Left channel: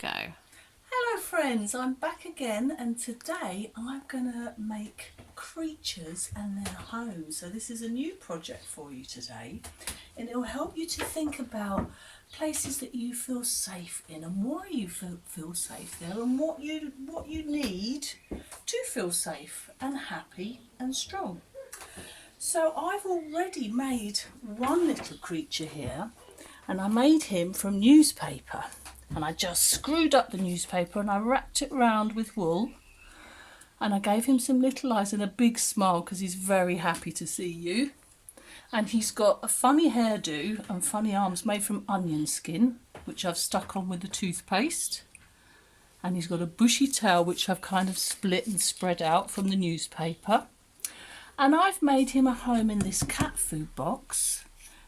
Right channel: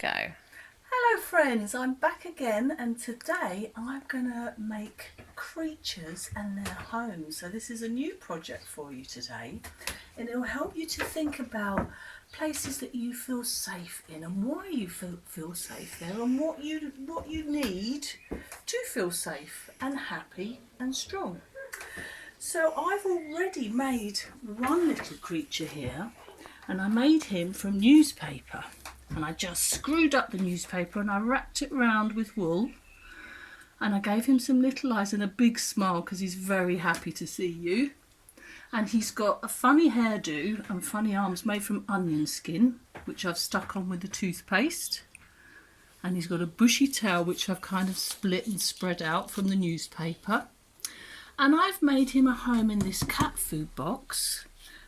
Go. Hello friends, I'm back again and today I'm going to make creatures and their homes. So this is a new project for you today and it'll help you to think about places that you feel safe in and why you feel safe there and what you need to feel safe and happy and strong. So I've already made one little creature here and I made him from newspaper. And I just screwed up the newspaper and I wrapped it round with wool and I gave him some little eyes and a big smile because he's very happy to see you. And he's got a funny hairdo and funny arms made from onion skin, which I've stuck on with the toothpaste. And he's got a bushy tail which I've kind of split and spread out from the newspaper. And I've made him a home in this cat food box.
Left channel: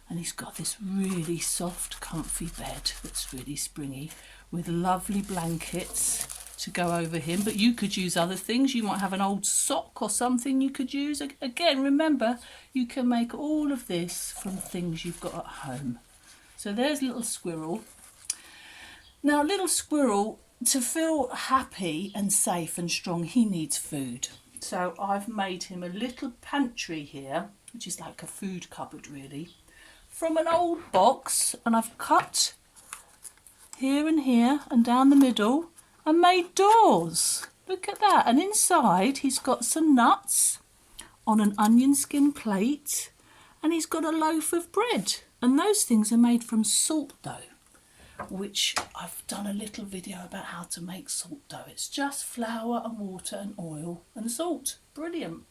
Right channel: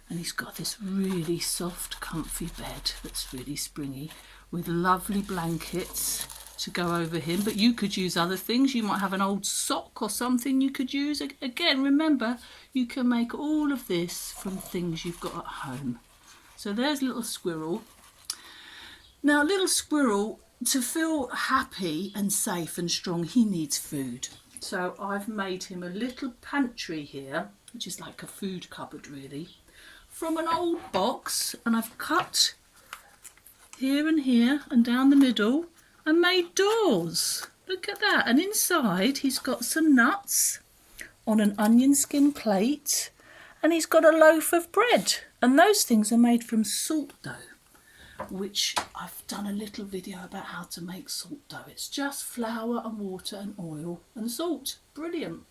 And he's got this really soft, comfy bed that's really springy with lovely blankets to go over him. But you could use other things. You might have an old sock or something you could use. Again, remember, you can make all of this from things you've got at home. So there's little squirrel. Now, little squirrel, to feel happy and safe and strong, he needs food. So I've made him a little pantry here, which is like a food cupboard really, from an old box, and I've cut here and here and down the middle and made doors. Look at that. And inside he's got some nuts on an onion skin plate and he's got a loaf of bread, and those things are made from salt dough, which I've done a little video about how to make salt dough. It's just flour and water and oil and salt. Brilliant.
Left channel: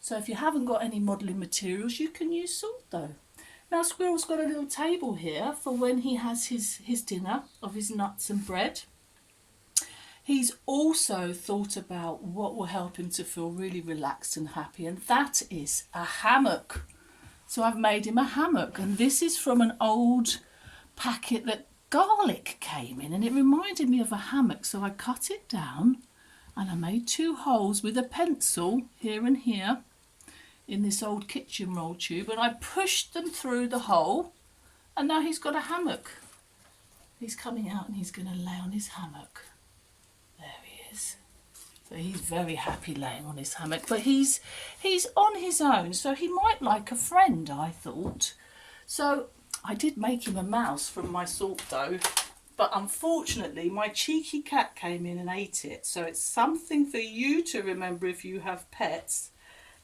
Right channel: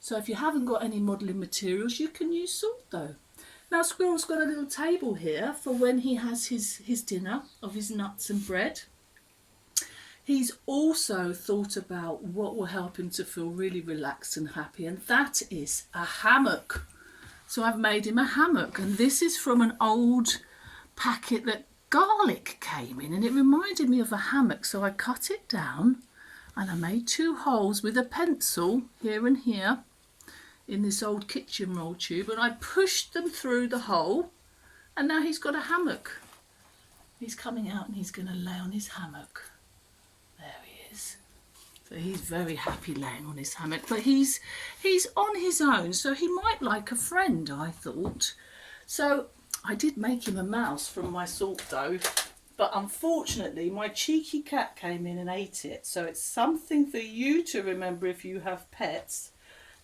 So if you haven't got any modelling materials, you can use salt dough. Now Squirrel's got a little table here for when he has his dinner of his nuts and bread. He's also thought about what will help him to feel really relaxed and happy, and that is a hammock. So I've made him a hammock, and this is from an old packet that garlic came in, and it reminded me of a hammock. So I cut it down and I made 2 holes with a pencil here and here in this old kitchen roll tube, and I pushed them through the hole, and now he's got a hammock. He's coming out and he's going to lay on his hammock. There he is. So he's very happy laying on his hammock, but he's on his own, so he might like a friend, I thought. So I did make him a mouse from my salt dough, but unfortunately my cheeky cat came in and ate it. So it's something for you to remember if you have pets,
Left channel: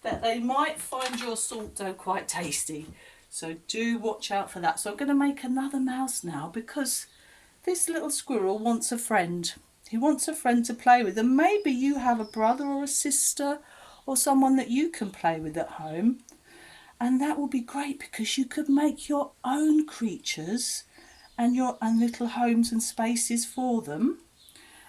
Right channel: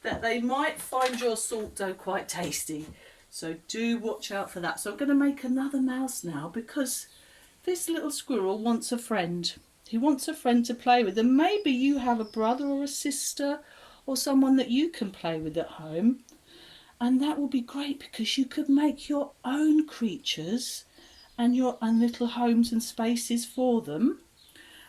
that they might find your salt dough quite tasty. So do watch out for that. So I'm going to make another mouse now because this little squirrel wants a friend. He wants a friend to play with, and maybe you have a brother or a sister or someone that you can play with at home, and that will be great because you could make your own creatures and little homes and spaces for them,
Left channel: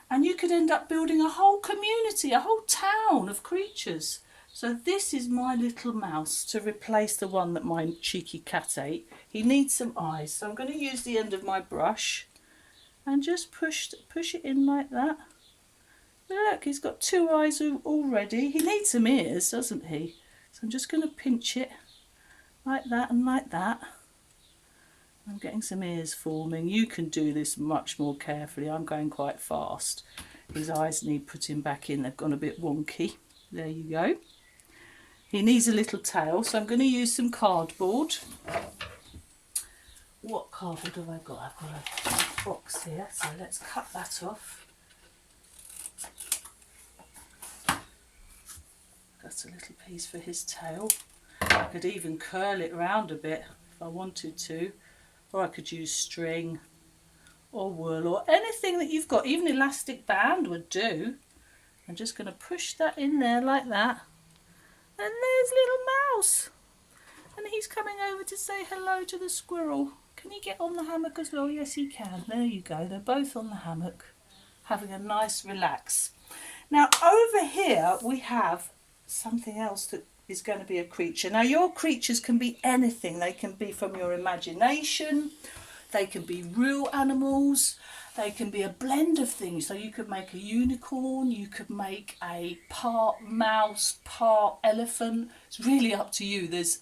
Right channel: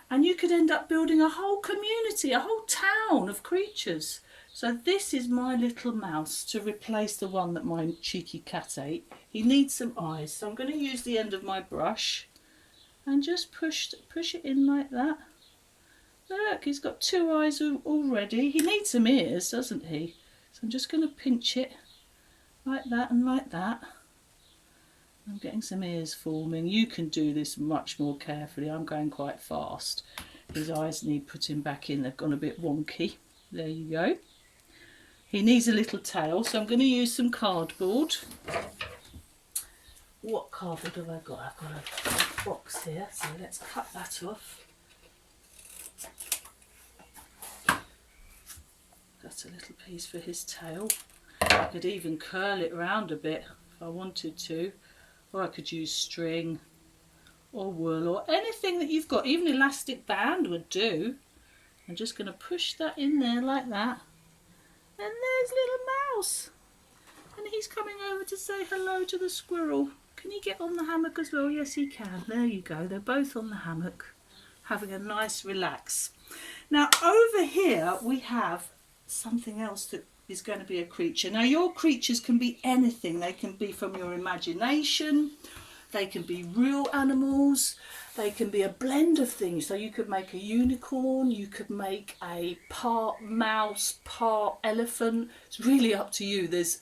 and you could end up building a whole community, a whole town of creatures. So this is my little mouse to replace the one that my cheeky cat ate. He needs some eyes, so I'm going to use the end of my brush and just push it in like that. Look, he's got 2 eyes already. He needs some ears, doesn't he? So I'm just going to pinch it like that and like that. I'm getting some ears forming. You can do this much more carefully. I'm going quite fast. His eyes need putting back in. They've gone a bit wonky. There you go. He needs a little tail, so I'm going to use some cardboard. What cardboard have I got? I've got a box here, so let's cut that off. That's a little piece for his tail. I could even curl it round a bit if I wanted to, or I could use string or wool or anything that you've got. Even elastic band would do. I'm just going to push that in there like that. And there's little mouse. And he's coming over to say hello to the squirrel. Can he get on the hammock as well? Yes, he can. There you go. They're both on the hammock, having a nice relax. Now, over here, we have something else that is going to be a creature. Now, your creatures can be anything. They can be from your imagination. They can be real animals. They can be a blend of things. So you could make a unicorn, you could make a part mouse, part elephant. It's really up to you. There's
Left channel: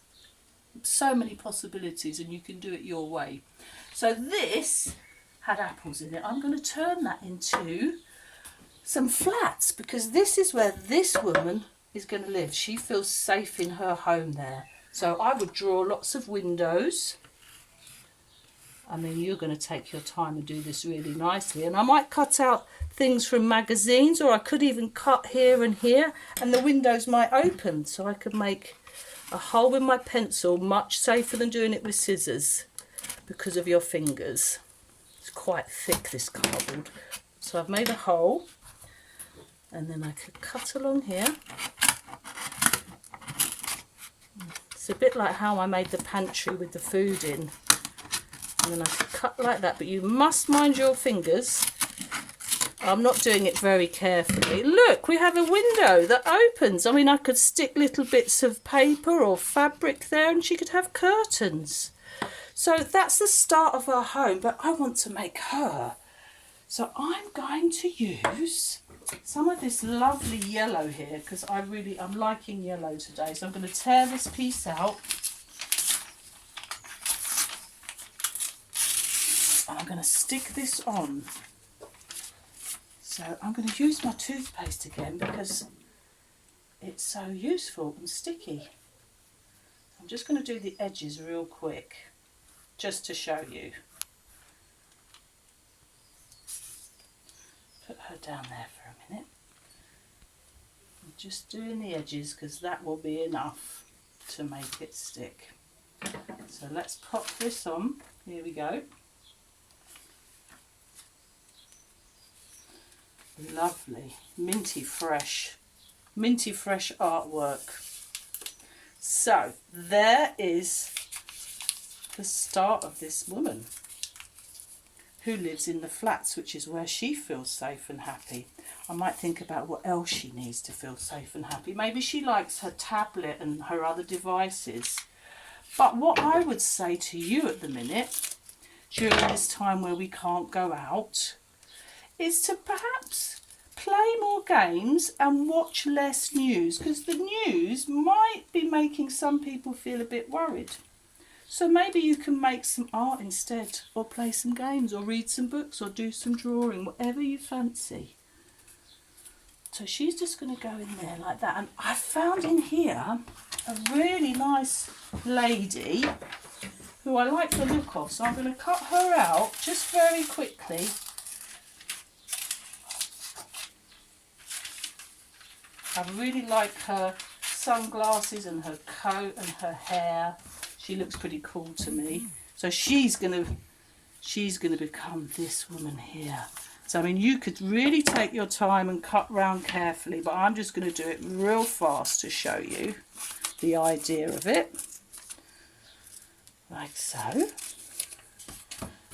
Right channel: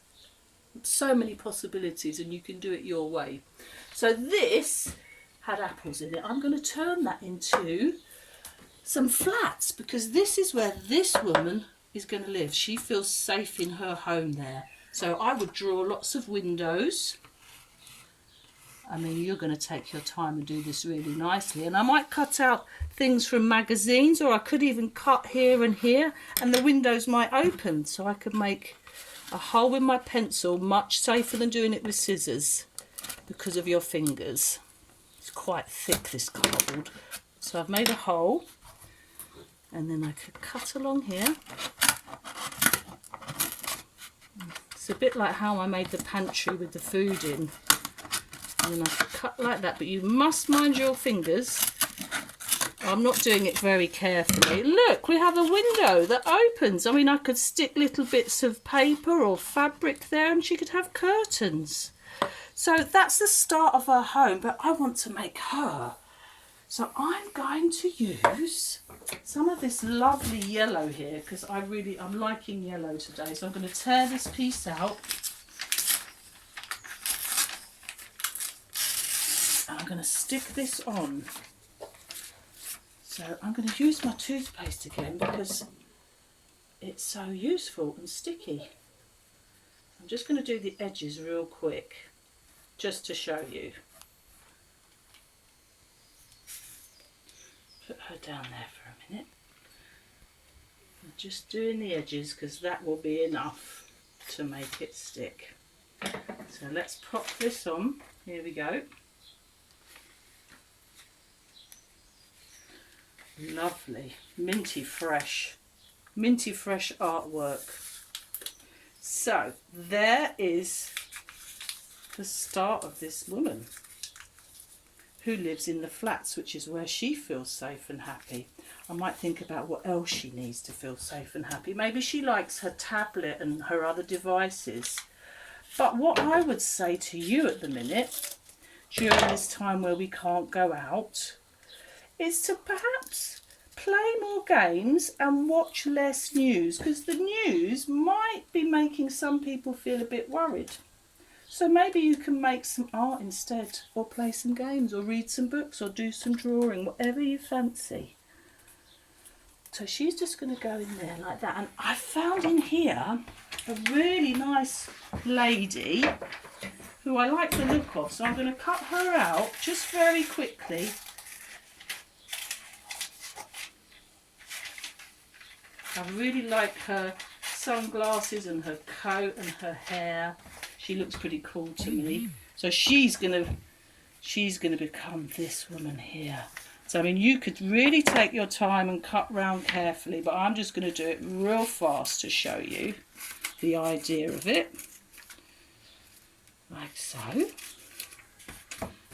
so many possibilities and you can do it your way. So this had apples in it. I'm going to turn that into some flats, because this is where this woman is going to live. She feels safe in her home there. So I would draw lots of windows. I mean, you're going to take your time and do this really nicely. And I might cut out things from magazines, or I could even cut here and here, and the windows might open. So I could make a hole with my pencil, much safer than doing it with scissors because of your fingers. It's quite thick, this cardboard. So I've made a hole, and then I could cut along here. It's a bit like how I made the pantry with the food in. And then I could cut like that, but you must mind your fingers. I'm not doing it very carefully. Look, we have a window that opens. I mean, I could stick little bits of paper or fabric there, and she could have curtains. So that's the start of her home, but I want to make her. So I'm going to use some of this lovely yellow here, because I'm liking yellow today. So I'm going to tear this piece out. And I'm going to stick this on. So I'm going to use my toothpaste again because it's so useful and sticky. I'm just going to do the edges real quick, just to show you. Put her down there for a minute. I'm just doing the edges because that will be enough to make it stick. So let's pop this on. Here we go. Lovely, minty fresh artwork. So there is the start of this woman who lives in the flats, which is where she feels safe and happy. I might think about what else she needs to feel safe and happy. Maybe she likes her tablet and her other devices. But what I would say to you at the minute, during this time where we can't go out, is to perhaps play more games and watch less news, because the news might be making some people feel a bit worried. So maybe you can make some art instead, or play some games, or read some books, or do some drawing, whatever you fancy. So she's just going to go in there like that. And I found in here a really nice lady who I like the look of. So I'm going to cut her out just very quickly. I really like her sunglasses and her coat and her hair. She looks pretty cool to me. So she's gonna become this woman here. So I mean, you could really take your time and cut round carefully, but I'm just going to do it real fast to show you the idea of it. Like so.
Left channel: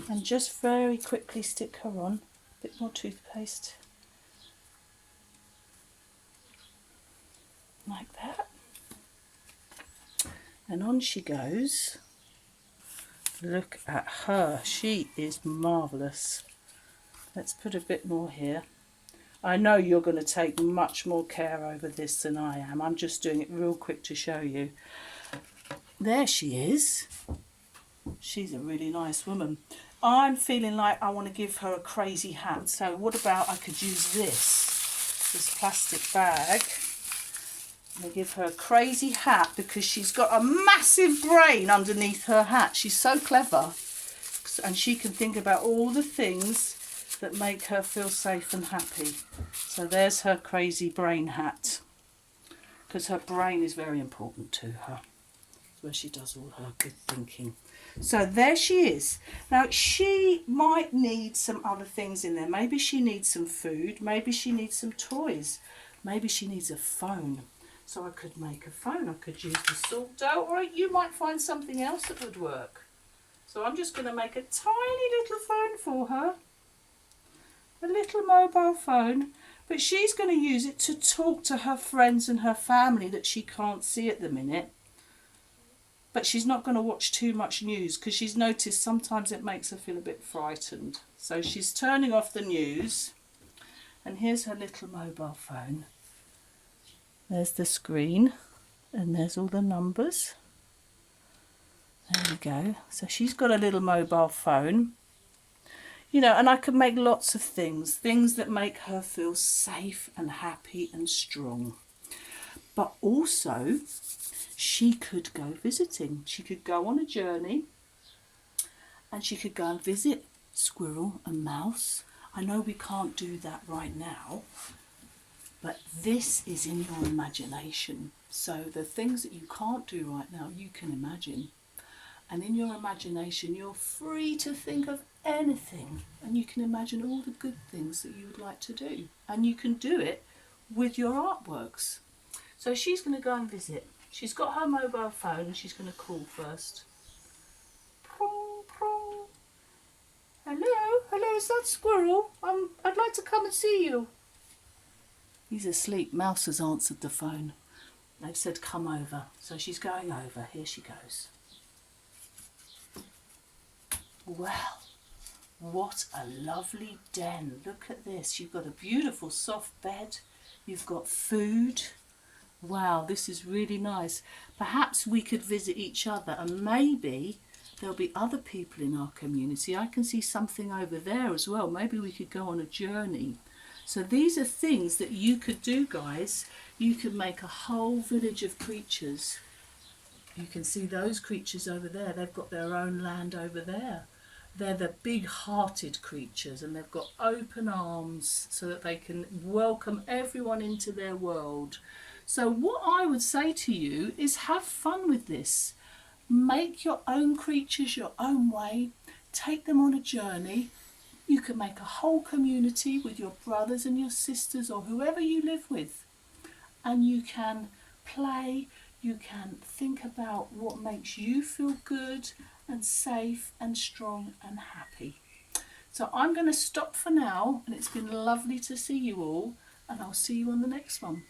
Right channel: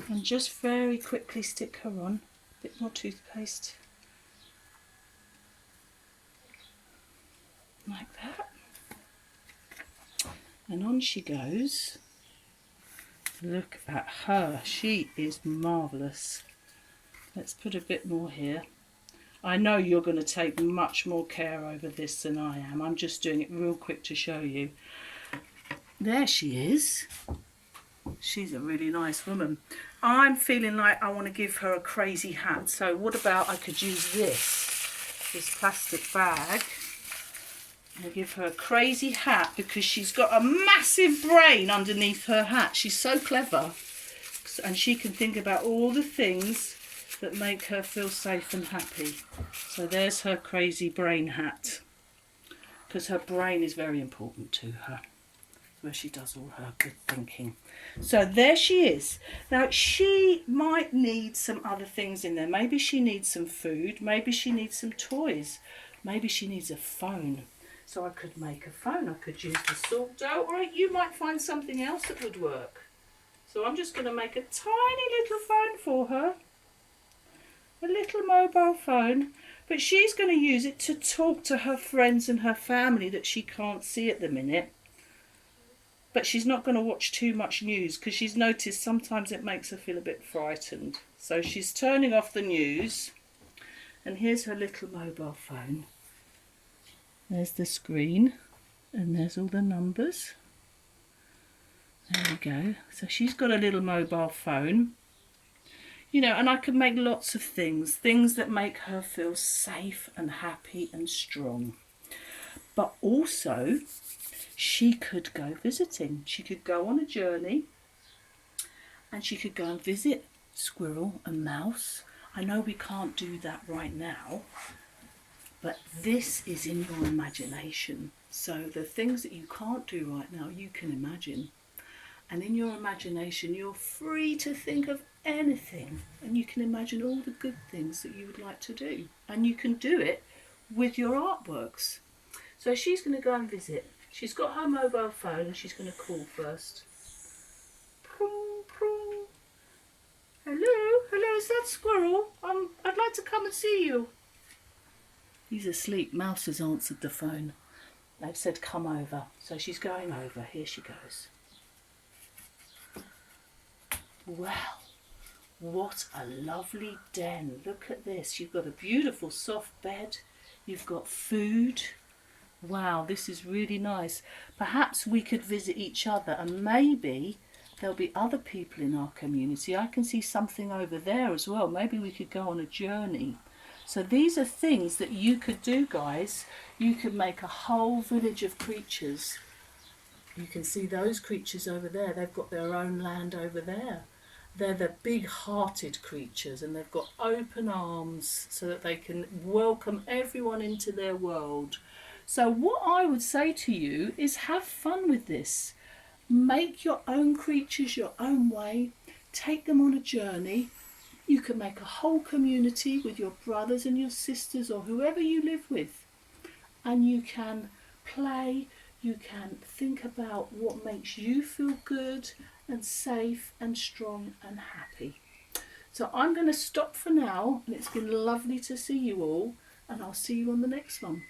And just very quickly stick her on. A bit more toothpaste. Like that. And on she goes. Look at her. She is marvellous. Let's put a bit more here. I know you're going to take much more care over this than I am. I'm just doing it real quick to show you. There she is. She's a really nice woman. I'm feeling like I want to give her a crazy hat. So what about I could use this plastic bag. I'm going to give her a crazy hat because she's got a massive brain underneath her hat. She's so clever. And she can think about all the things that make her feel safe and happy. So there's her crazy brain hat. Because her brain is very important to her. It's where she does all her good thinking. So there she is. Now she might need some other things in there. Maybe she needs some food. Maybe she needs some toys. Maybe she needs a phone. So I could make a phone. I could use the salt dough. Or you might find something else that would work. So I'm just going to make a tiny little phone for her. A little mobile phone. But she's going to use it to talk to her friends and her family that she can't see at the minute. But she's not going to watch too much news because she's noticed sometimes it makes her feel a bit frightened. So she's turning off the news. And here's her little mobile phone. There's the screen. And there's all the numbers. There we go. So she's got a little mobile phone. You know, and I could make lots of things that make her feel safe and happy and strong. But also, she could go visiting. She could go on a journey and she could go and visit Squirrel and Mouse. I know we can't do that right now, but this is in your imagination. So the things that you can't do right now, you can imagine. And in your imagination, you're free to think of anything. And you can imagine all the good things that you would like to do. And you can do it with your artworks. So she's going to go and visit. She's got her mobile phone and she's going to call first. Prong, prong. Hello, is that Squirrel? I'd like to come and see you. He's asleep. Mouse has answered the phone. They've said come over. So she's going over. Here she goes. Wow, what a lovely den. Look at this. You've got a beautiful soft bed. You've got food. Wow, this is really nice. Perhaps we could visit each other and maybe there'll be other people in our community. I can see something over there as well. Maybe we could go on a journey. So these are things that you could do, guys. You could make a whole village of creatures. You can see those creatures over there. They've got their own land over there. They're the big-hearted creatures and they've got open arms so that they can welcome everyone into their world. So what I would say to you is have fun with this. Make your own creatures your own way. Take them on a journey. You can make a whole community with your brothers and your sisters or whoever you live with. And you can play. You can think about what makes you feel good and safe and strong and happy. So I'm going to stop for now, and it's been lovely to see you all, and I'll see you on the next one.